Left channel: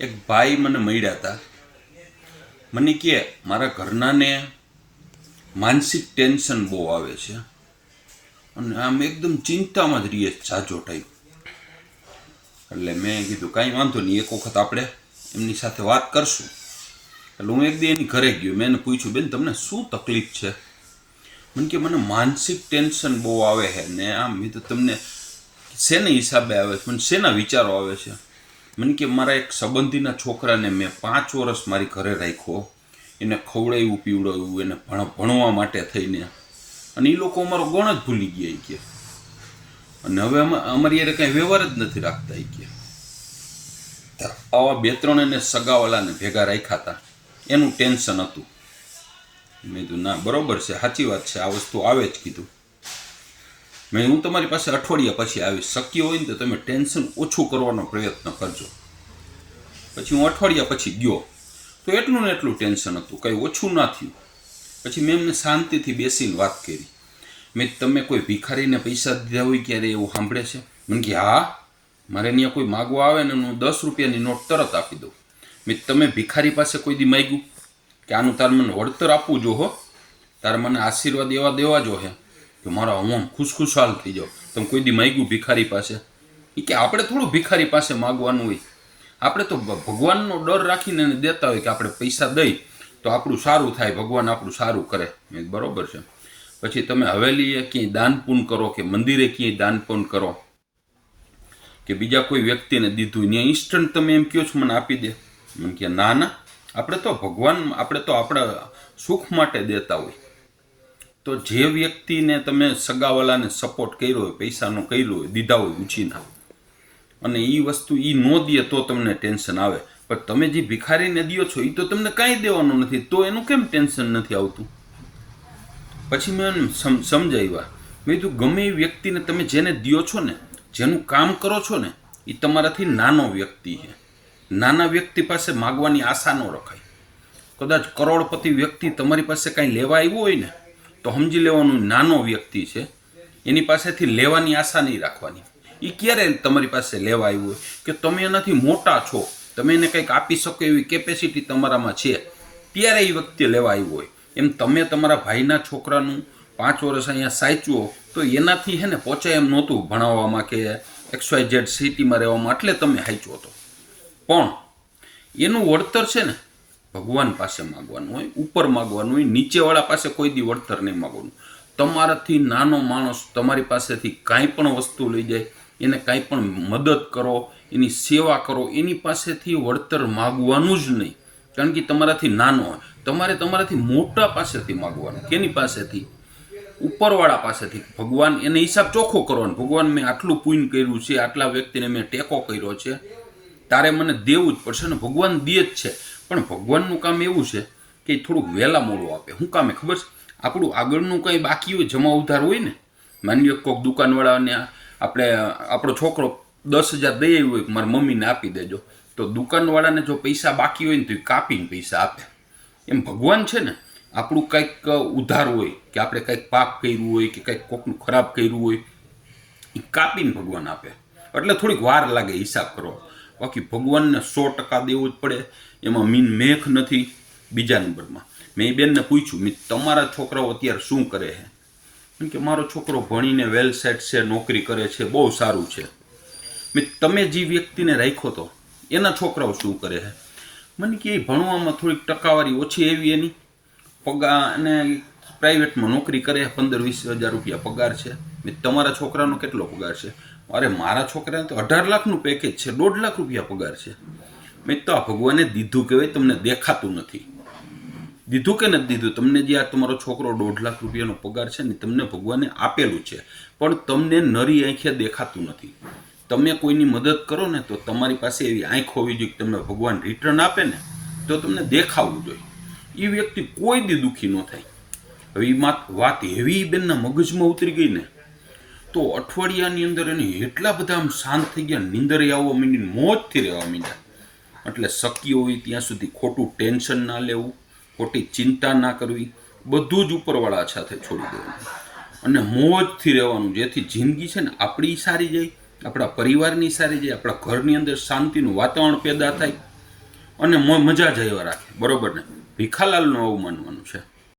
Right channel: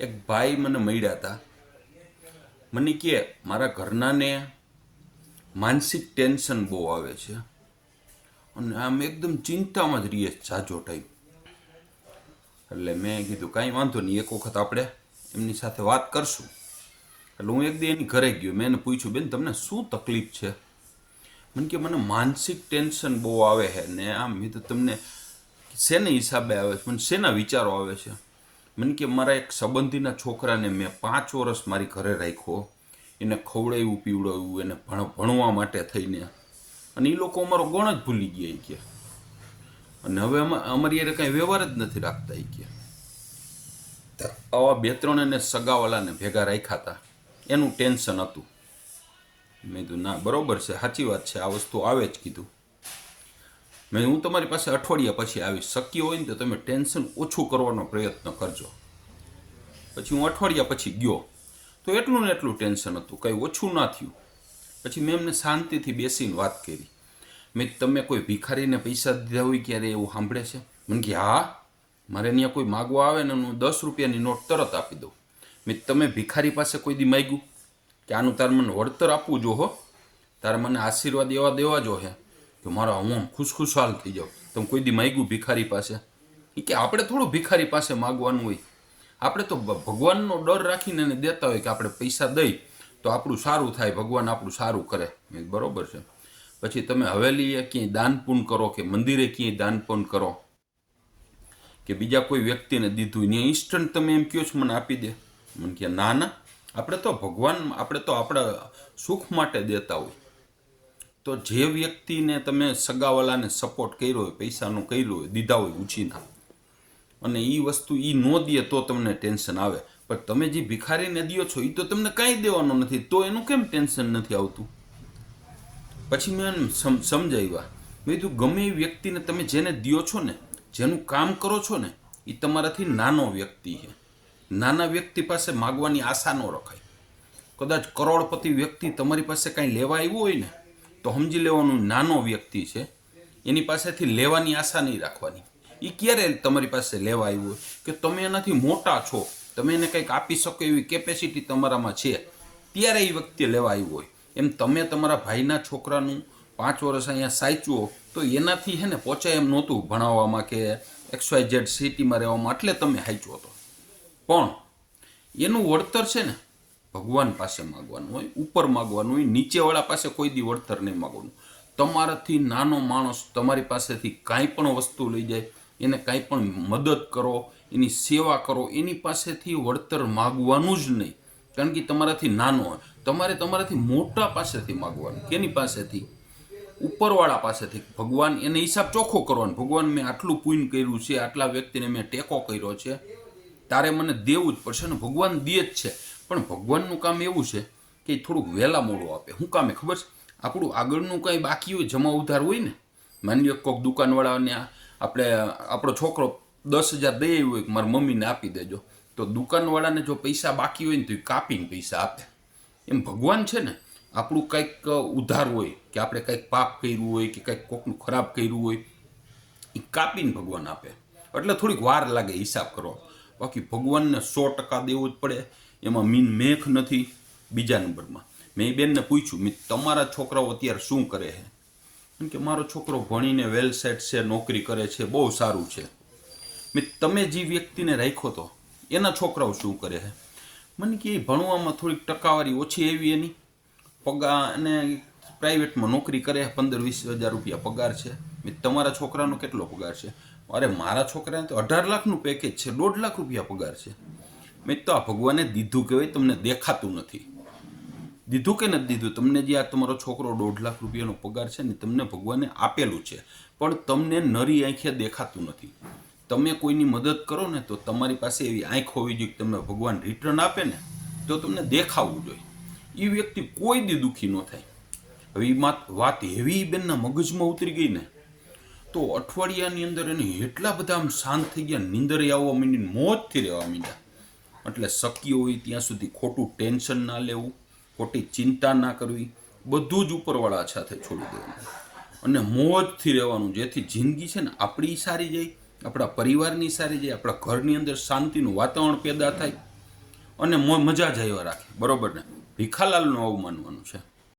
એક ભાઈ મને મળ્યા હતા. મને કહે મારા ઘરનાને માનસિક ટેન્શન બહુ આવે છે અને આમ એકદમ ચિંતામાં જ રહીએ જાજો ટાઈમ. એટલે મેં કીધું કાંઈ વાંધો નહીં, એક વખત આપણે એમની સાથે વાત કરશું. એટલે હું એક દી એની ઘરે ગયો. મેં એને પૂછ્યું, બેન તમને શું તકલીફ છે? મને કે મને માનસિક ટેન્શન બહુ આવે છે ને આમ. મેં તો તમને શેને હિસાબે આવે છે, મને શેના વિચારો આવે છે? મને કે મારા એક સંબંધીના છોકરાને મેં 5 વર્ષ મારી ઘરે રાખ્યો, એને ખવડાવ્યું પીવડાવ્યું, એને ભણવા માટે થઈને, અને એ લોકો અમારો ગણ જ ભૂલી ગયા કે, અને હવે અમારી યારે કાંઈ વ્યવહાર જ નથી રાખતા કે. આવા 2-3 એને સગાવાલાને ભેગા રાખ્યા હતા, એનું ટેન્શન હતું. મેં કીધું ના બરોબર છે, સાચી વાત છે, આ વસ્તુ આવે જ કીધું. હું તમારી પાસે અઠવાડિયા પછી આવીશ, શક્ય હોય ને તો તમે ટેન્શન ઓછું કરવાનો પ્રયત્ન કરજો. પછી હું અઠવાડિયા પછી ગયો તો એટલું ને એટલું ટેન્શન હતું, કંઈ ઓછું ના થયું. પછી મેં એમને શાંતિથી બેસીને વાત કરી. મેં તમે કોઈ ભિખારીને પૈસા દીધા હોય ક્યારે એવું સાંભળે છે? મને કે હા, મારે ત્યાં કોઈ માગવા આવે ને હું 10 રૂપિયાની નોટ તરત આપી દઉં. મેં તમે ભિખારી પાસે કોઈ દી માગ્યું કે આનું તારે મને વળતર આપવું જો હો, તારે મને આશીર્વાદ એવા દેવા જો હે કે મારો આમ ખુશખુશાલ થઈ જાઓ? તમે કોઈ દી માગ્યું ભિખારી પાસે? એ કે આપણે થોડું ભિખારી પાસે માગવાનું હોય, આપણે તો ભગવાનનો ડર રાખીને એને દેતા હોય કે આપણે પૈસા દઈ તો આપણું સારું થાય, ભગવાન આપણું સારું કરે. બરોબર છે. પછી તમે હવેલીએ ક્યાંય દાન પૂન કરો કે મંદિરે ક્યાંય દાન પૂન કરો કે બીજા કોઈ વ્યક્તિને દીધું ત્યાં ઇન્સ્ટન્ટ તમે એમ કહો છો મને આપી દે? મને કે ના ના, આપણે તો ભગવાન, આપણે તો આપણા સુખ માટે દેતા હોય. તો જે વ્યક્તિને તમે સગાવાલાને સપોર્ટ કર્યો હોય, પૈસાનો કર્યો હોય, દીધા હોય ઉછીના, અને એ વસ્તુ એ ન દે તો તમને ટેન્શન આવે. પણ તમે જે ભિખારીને દો છો એ તો તમને કાંઈ દેવાનું નથી, તો એનું કેમ ટેન્શન નથી આવતું? પછી મેં સમજાવ્યા. મેં કીધું ગમે એ વ્યક્તિને તમે જેને દો છો ને, જેનું કામ કરો છો ને, એ તમારાથી નાનો વ્યક્તિ છે. નાના વ્યક્તિ પાસે માગવાની આશા ન રખાય. કદાચ કરોડપતિ વ્યક્તિ તમારી પાસે કાંઈ લેવા આવ્યો હોય ને તો સમજી લેવાનું નાનો વ્યક્તિ છે, એની પાસેથી લેવાની આશા નહીં રાખવાની. એ ક્યારે તમારી પાસે લેવા આવ્યો હોય કે તમે એનાથી મોટા છો, તમે એને કંઈક આપી શકો એવી કેપેસિટી તમારામાં છે, ત્યારે એ વ્યક્તિ લેવા આવ્યો હોય. એમ તમે તમારા ભાઈના છોકરાનું 5 વર્ષ અહીંયા સાચવો તો એનાથી છે ને પહોંચાય એમ નહોતું ભણાવવામાં કે XYZ સિટીમાં રહેવામાં, એટલે તમે સાચવો હતો. પણ એનું વળતર છે ને ભગવાન પાસે માગવાનું હોય, ઉપર માગવાનું હોય, નીચેવાળા પાસે કોઈ દી વળતર નહીં માગવાનું. તમારાથી નાનો માણસ તમારી પાસેથી કાંઈ પણ વસ્તુ લઈ જાય, એને કાંઈ પણ મદદ કરો, એની સેવા કરો, એની પાસેથી વળતર માગવાનું જ નહીં, કારણ કે તમારાથી નાનો હોય. તમારે તમારાથી મોટા પાસેથી માગવાનું. કેની પાસેથી? ઉપરવાળા પાસેથી. ભગવાન એને હિસાબ ચોખ્ખો કરવાનો. ભગવાન મેં આટલું પુણ્ય કર્યું છે, આટલા વ્યક્તિને મેં ટેકો કર્યો છે, તારે મને દેવું જ પડશે. ને ભગવાન દે જ છે, પણ ભગવાનનું કામ એવું છે કે થોડુંક વહેલા મોડું આપે. શું કામે ખબર છે? આપણું આગળનું કંઈ બાકી હોય, જમા ઉધાર હોય ને, માની લો કોઈક દુકાનવાળાને આપણો છોકરો 10,000 દઈ આવ્યો હોય કે મારા મમ્મીને આપી દેજો, તો દુકાનવાળાને જો પૈસા બાકી હોય ને તો એ કાપીને પૈસા આપે. એમ ભગવાન છે ને આપણું કંઈક ઉધાર હોય કે આપણે કંઈક પાપ કર્યું હોય કે કંઈક કોકનું ખરાબ કર્યું હોય, એ કાપીને ભગવાન આપે. એટલે થોડીક વાર લાગે હિસાબ કરો. બાકી ભગવાનને 100% દેવું જ પડે, એમાં મેખ નથી. બીજા નંબરમાં મેં એ બેનને પૂછ્યું, મેં તમારા છોકરાઓ અત્યારે શું કરે છે? કેમ કે મારો છોકરો ભણીને વેલ સેટ છે, નોકરી કરે છે, બહુ સારું છે. મેં તમે જે વ્યક્તિને રાખ્યો તો એના છોકરાઓ શું કરે છે? મને કે ભણવામાં થોડીક ટકાવારી ઓછી એવી એની, પગાર અને પ્રાઇવેટમાં નોકરી કરે, 15-20 હજાર રૂપિયા પગાર છે. મેં તમારા છોકરાનો કેટલો પગાર છે? અરે મારા છોકરાને તો 18 લાખનું પેકેજ છે, 1.5 લાખ રૂપિયા પગાર છે. મેં તો આ ભગવાને દીધું કહેવાય, તમને દેખાતું નથી. દીધું કે નથી દીધું? તમને જે આ તમારો છોકરો 1.5 લાખ રૂપિયાનો પગાર છે ને, તમને ભગવાને આપેલું છે, પણ તમને નરી આંખે દેખાતું નથી. તમે કોઈની મદદ કરો ને તો તમારી પાસે એવી આંખ હોવી જોઈએ કે તમને ભગવાન રિટર્ન આપે ને તો તમને દેખાવું જોઈએ. એ વ્યક્તિ કોઈ દી દુઃખી ન થાય. હવે એ વાત એવી બેનના મગજમાં ઉતરી ગઈ ને તો અઠવાડિયાની અંદર એને એટલા બધા આમ શાંત થઈ ગયા, નીંદરે આવવા માંડીને મોજથી રહેવા માંડ્યા. એટલે શક્ય હોય ત્યાં સુધી ખોટું ટેન્શન ના લેવું, ખોટી ચિંતા ના કરવી, બધું જ ઉપરવાળા સાથે છોડી દેવાનું અને મોજથી રહેવાનું, જેથી જિંદગી છે ને આપણી સારી જાય, આપણા પરિવારની સારી જાય, આપણા ઘરની અંદર શાંતિનું વાતાવરણ પેદા થાય. અને મજા જ આવ્યા રાખે, બરોબર ને? ભીખાલાલનું આવું માનવાનું છે.